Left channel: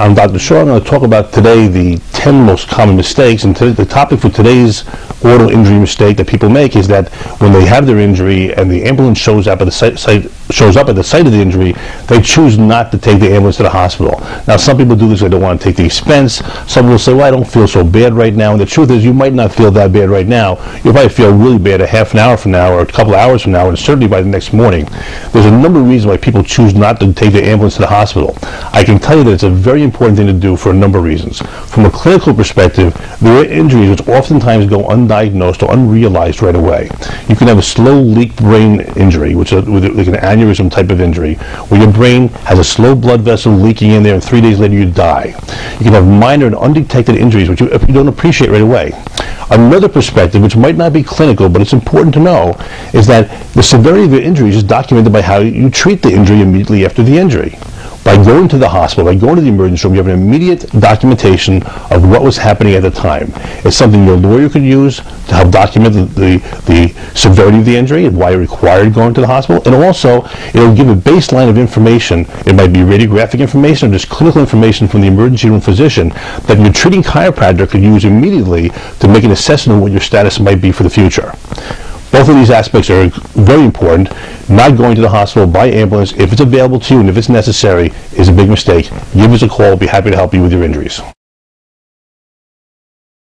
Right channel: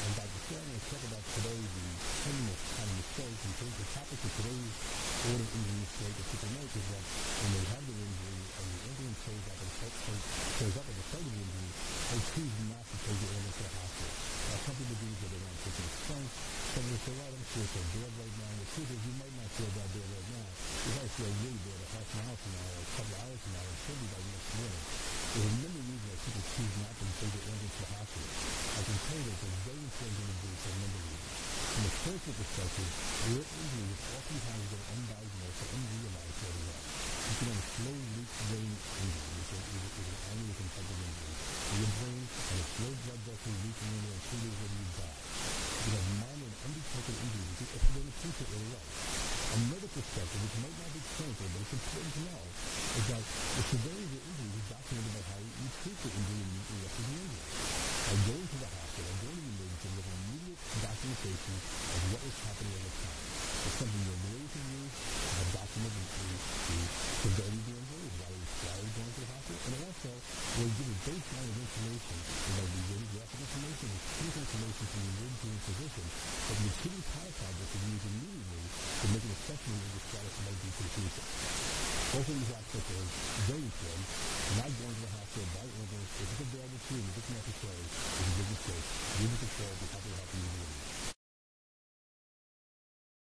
I'm Dr. Shaw. I'm going to talk about today the 10 most common mistakes, and the topic for today's auto injury mistake that people make is that when they have their injury and the ambulance shows up at the site of the injury, they choose not to take the ambulance to the hospital. Now, some people do this; they don't want to take the expense. Some will say, "Well, I don't feel so bad right now." And the truth is, you might not feel that bad right now. You'll probably feel really bad a half an hour from now, or a couple of hours from now, and certainly by the next morning. There's a number of reasons why people choose not to take the ambulance to the hospital. I can tell you that it's a very important thing to do for a number of reasons. From a clinical perspective, there are injuries which oftentimes go undiagnosed or unrealized right away. You can have a slow leak brain injury, which is like an aneurysm type of injury, where your brain has a slow blood vessel leaking in there, and 3 days later you die. You can have minor and undetected injuries, which you don't appreciate right away. Another perspective, which might not be clinical, but it's important to know, is that the severity of the injuries is documented by how you treat the injury immediately after the injury. By going to the hospital, by going to the emergency room, you have an immediate documentation of what was happening at the time. It's something your lawyer could use to help document the severity of the injury and why it required going to the hospital. And also, it'll give a baseline of information. It might be radiographic information or just clinical information from the emergency room physician that your treating chiropractor could use immediately to make an assessment of what your status might be for the future. Both of these aspects are very important. Not going to the hospital by ambulance, if it's available to you and if it's necessary, is a big mistake. Give us a call. We'll be happy to help you with your injuries.